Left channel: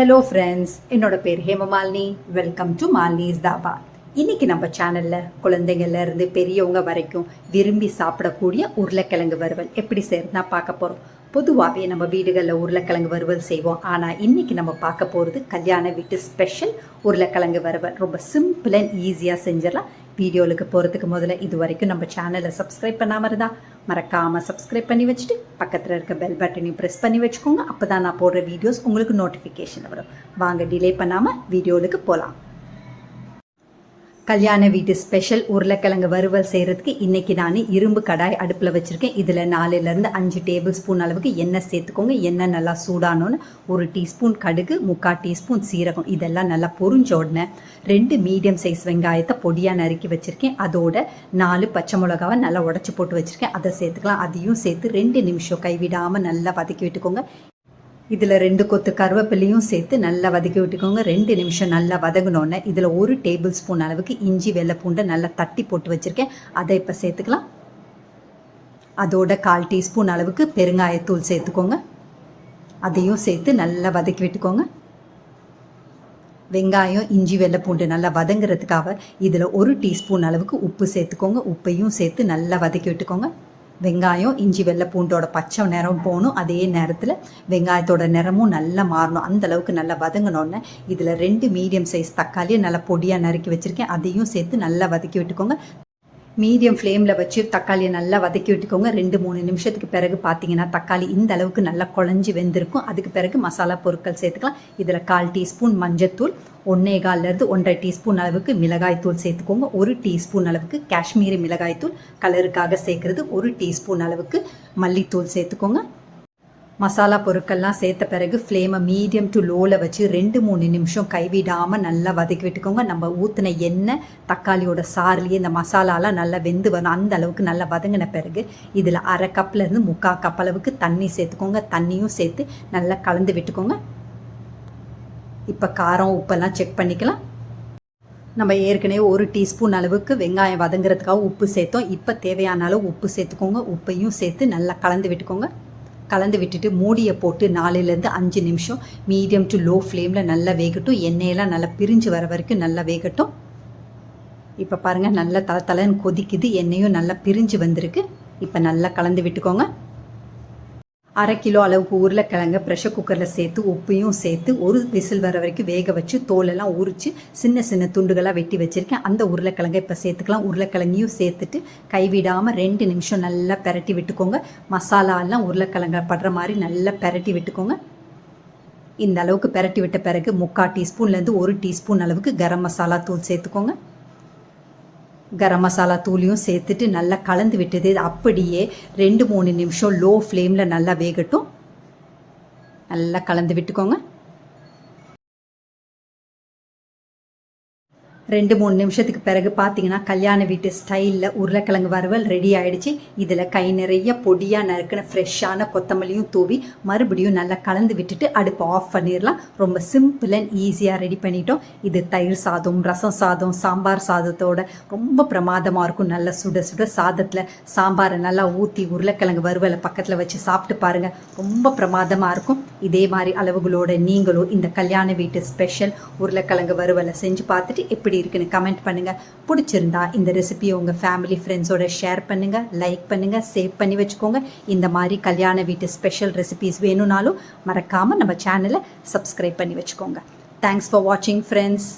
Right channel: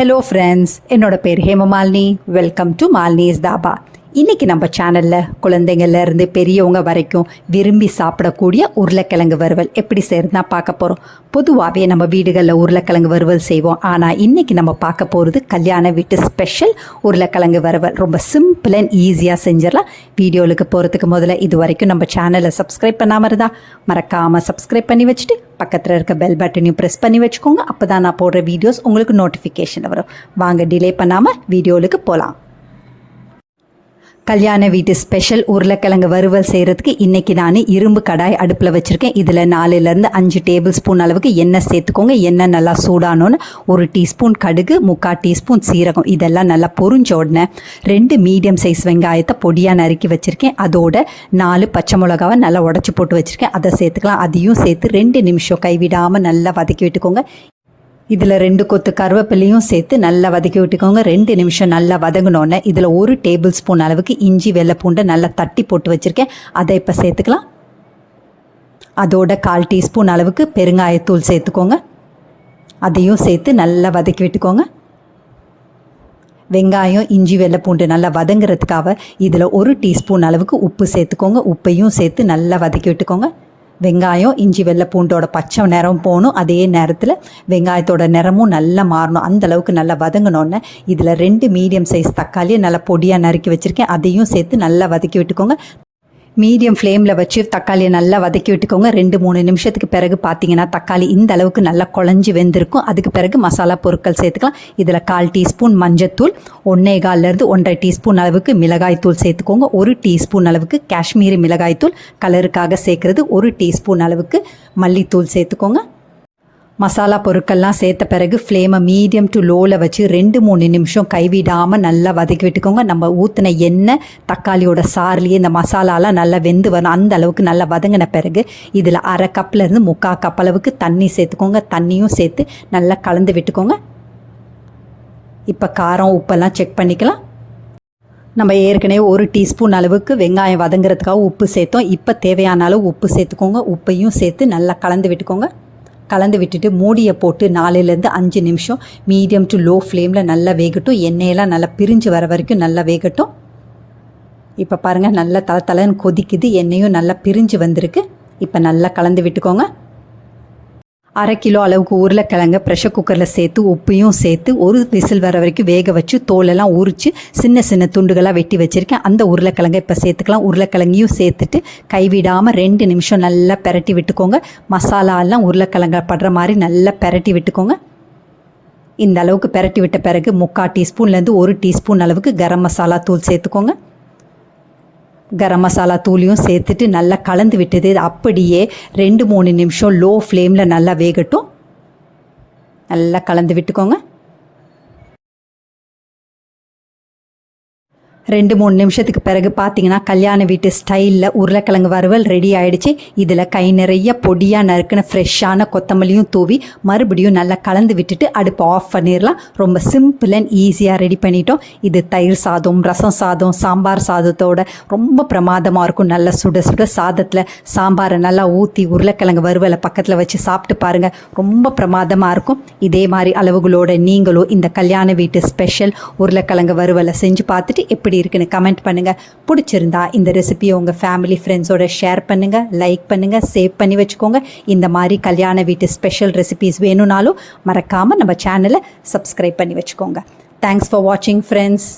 Hello friends, என்னோட பேர் Hemamalini. Welcome to Malini's Dhaba. இன்றைக்கி நம்ம சேனலில் குழந்தைங்கள்லேருந்து பெரியவங்க வரைக்கும் விரும்பி சாப்பிடக்கூடிய உருளைக்கிழங்கு வறுவல் எப்படி செய்கிறதுனா பார்க்க போகிறோம். பொதுவாகவே நம்ம வீடுகளில் உருளைக்கிழங்கு வறுவல் செய்வோம். ஆனால் இன்றைக்கி நம்ம பார்க்க போகிறது கல்யாண வீட்டு ஸ்பெஷல் உருளைக்கிழங்கு வறுவல். ரொம்ப சிம்பிள் அண்ட் ஈஸியாக செஞ்சிடலாம். வீடியோவுக்கு போகிறதுக்கு முதல்ல இது வரைக்கும் நம்ம சேனலை சப்ஸ்கிரைப் பண்ணாமல் இருந்தால் மறக்காமல் சப்ஸ்கிரைப் பண்ணி வச்சுட்டு பக்கத்தில் இருக்க பெல் பட்டனையும் ப்ரெஸ் பண்ணி வச்சுக்கோங்க. அப்போ தான் நான் போடுற வீடியோஸ் உங்களுக்கு நோட்டிஃபிகேஷன் வரும். வாங்க டிலே பண்ணாமல் வீடியோவுக்கு போகலாம். கல்யாண வீட்டு ஸ்பெஷல் உருளைக்கிழங்கு வறுவல் செய்கிறதுக்கு இன்றைக்கி நான் இரும்பு கடாய் அடுப்பில் வச்சுருக்கேன். இதில் 4லேருந்து 5 டேபிள் ஸ்பூன் அளவுக்கு எண்ணெய் சேர்த்துக்கோங்க. எண்ணெய் நல்லா சூடானோன்னு 1 டீஸ்பூன் கடுகு, 3/4 டீஸ்பூன் சீரகம் இதெல்லாம் நல்லா பொரிஞ்ச உடனே 2 மீடியம் சைஸ் வெங்காயத்தை பொடியாக நறுக்கி வச்சுருக்கேன். அதோட 4 பச்சை மிளகாவை நல்லா உடச்சி போட்டு வச்சுருக்கேன். அதை சேர்த்துக்கலாம். அதையும் சேர்த்து 2 நிமிஷம் கைவிடாமல் நல்லா வதக்கி விட்டுக்கோங்க. இதில் 2 கொத்து கருவேப்பிலையும் சேர்த்து நல்லா வதக்கி விட்டுக்கோங்க. 2 நிமிஷம் நல்லா வதங்கினோன்னே இதில் 1 டேபிள் ஸ்பூன் அளவுக்கு இஞ்சி வெள்ளை பூண்டை நல்லா தட்டி போட்டு வச்சுருக்கேன். அதை இப்போ சேர்த்துக்கலாம். அதோட 1/4 டீஸ்பூன் அளவுக்கு பெருங்காயத்தூள் சேர்த்துக்கோங்க. அதையும் சேர்த்து நல்லா வதக்கி விட்டுக்கோங்க. வெங்காயம் இஞ்சி வெள்ளை பூண்டு நல்லா வதங்குறதுக்காக இதில் 1 டீஸ்பூன் அளவுக்கு உப்பு சேர்த்துக்கோங்க. உப்பையும் சேர்த்து நல்லா வதக்கி விட்டுக்கோங்க. வெங்காயம் இஞ்சி வெள்ளை பூண்டோட பச்சை நிறம் போகணும். அதே நேரத்தில் வெங்காயத்தோட நிறமும் நல்லா மாறணும். அந்தளவுக்கு நல்லா வதங்கினோன்னே இதில் 2 மீடியம் சைஸ் தக்காளியை நல்லா பொடியாக நறுக்கி வச்சுருக்கேன். அதையும் சேர்த்து நல்லா வதக்கி விட்டுக்கோங்க. மீடியம் ஃப்ளேமில் வச்சு தக்காளியை நல்லா வதக்கி விட்டுக்கோங்க. 2-3 நிமிஷத்துக்கு பிறகு பார்த்தீங்கன்னா தக்காளி இந்த அளவுக்கு நல்லா குழஞ்சி வெந்திருக்கும். அதுக்கு பிறகு மசாலா பொருட்கள் சேர்த்துக்கலாம். இதில் 1/4 டீஸ்பூன் மஞ்சத்தூள், 1.25 1/2 டீஸ்பூன் அளவுக்கு மிளகாய்த்தூள் சேர்த்துக்கோங்க. 1 டீஸ்பூன் அளவுக்கு காஷ்மீரி மிளகாய்த்தூள் கலருக்காக சேர்க்குறது. 1 டீஸ்பூன் அளவுக்கு மல்லித்தூள் சேர்த்துக்கோங்க. மசாலா பொருட்கள்லாம் சேர்த்த பிறகு ஃப்ளேமை மீடியம் டு லோவில் வச்சு 2-3 நிமிஷம் கைவிடாமல் நல்லா வதக்கி விட்டுக்கோங்க. நம்ம ஊற்றின எண்ணெய் தக்காளியோட சாறுலேயே இந்த மசாலாலாம் நல்லா வெந்து வரும். அந்த அளவுக்கு நல்லா வதங்கின பிறகு இதில் 1/2 கப்லேருந்து 3/4 கப் அளவுக்கு தண்ணி சேர்த்துக்கோங்க. தண்ணியும் சேர்த்து நல்லா கலந்து விட்டுக்கோங்க. இப்போ காரம் உப்பெல்லாம் செக் பண்ணிக்கலாம். நம்ம ஏற்கனவே 1 டீஸ்பூன் அளவுக்கு வெங்காயம் வதங்குறதுக்காக உப்பு சேர்த்தோம். இப்போ தேவையான அளவு உப்பு சேர்த்துக்கோங்க. உப்பையும் சேர்த்து நல்லா கலந்து விட்டுக்கோங்க. கலந்து விட்டுட்டு மூடியை போட்டு 4லேருந்து 5 நிமிஷம் மீடியம் டு லோ ஃப்ளேமில் நல்லா வேகட்டும். எண்ணெயெல்லாம் நல்லா பிரிஞ்சு வர வரைக்கும் நல்லா வேகட்டும். இப்போ பாருங்கள் நல்லா தலன்னு கொதிக்குது. எண்ணெயும் நல்லா பிரிஞ்சு வந்திருக்கு. இப்போ நல்லா கலந்து விட்டுக்கோங்க. 1/2 கிலோ அளவுக்கு உருளைக்கிழங்க ப்ரெஷர் குக்கரில் சேர்த்து உப்பையும் சேர்த்து 1 விசில் வர வரைக்கும் வேக வச்சு தோலெல்லாம் உரித்து சின்ன சின்ன துண்டுகளாக வெட்டி வச்சுருக்கேன். அந்த உருளைக்கிழங்க இப்போ சேர்த்துக்கலாம். உருளைக்கிழங்கையும் சேர்த்துட்டு கைவிடாமல் 2 நிமிஷம் நல்லா பெரட்டி விட்டுக்கோங்க. மசாலாலாம் உருளைக்கிழங்க படுற மாதிரி நல்லா பெரட்டி விட்டுக்கோங்க. இந்த அளவுக்கு பெரட்டி விட்ட பிறகு 3/4 டீஸ்பூன்லேருந்து 1 டீஸ்பூன் அளவுக்கு கரம் மசாலா தூள் சேர்த்துக்கோங்க. கரம் மசாலா தூளையும் சேர்த்துட்டு நல்லா கலந்து விட்டது. அப்படியே 2-3 நிமிஷம் லோ ஃப்ளேமில் நல்லா வேகட்டும். நல்லா கலந்து விட்டுக்கோங்க. 2-3 நிமிஷத்துக்கு பிறகு பார்த்தீங்கன்னா கல்யாண வீட்டு ஸ்டைலில் உருளைக்கிழங்கு வறுவல் ரெடி ஆகிடுச்சு. இதில் கை நிறைய பொடியாக நறுக்கின ஃப்ரெஷ்ஷான கொத்தமல்லியும் தூவி மறுபடியும் நல்லா கலந்து விட்டுட்டு அடுப்பு ஆஃப் பண்ணிடலாம். ரொம்ப சிம்பிள் அண்ட் ஈஸியாக ரெடி பண்ணிட்டோம். இது தயிர் சாதம், ரசம் சாதம், சாம்பார் சாதத்தோட ரொம்ப பிரமாதமாக இருக்கும். நல்லா சுட சுட சாதத்தில் சாம்பாரை நல்லா ஊற்றி உருளைக்கிழங்கு வறுவலை பக்கத்தில் வச்சு சாப்பிட்டு பாருங்கள். ரொம்ப பிரமாதமாக இருக்கும். இதே மாதிரி அளவுகளோட நீங்களும் இந்த கல்யாண வீட்டு ஸ்பெஷல் உருளைக்கிழங்கு வறுவலை செஞ்சு பார்த்துட்டு எப்படி இருக்குன்னு கமெண்ட் பண்ணுங்கள். பிடிச்சிருந்தா இந்த ரெசிபியை உங்கள் ஃபேமிலி ஃப்ரெண்ட்ஸோட ஷேர் பண்ணுங்கள், லைக் பண்ணுங்கள், சேவ் பண்ணி வச்சுக்கோங்க. இந்த மாதிரி கல்யாண வீட்டு ஸ்பெஷல் ரெசிபிஸ் வேணும்னாலும் மறக்காமல் நம்ம சேனலை சப்ஸ்கிரைப் பண்ணி வச்சுக்கோங்க. தேங்க்ஸ் ஃபார் வாட்சிங் ஃப்ரெண்ட்ஸ்.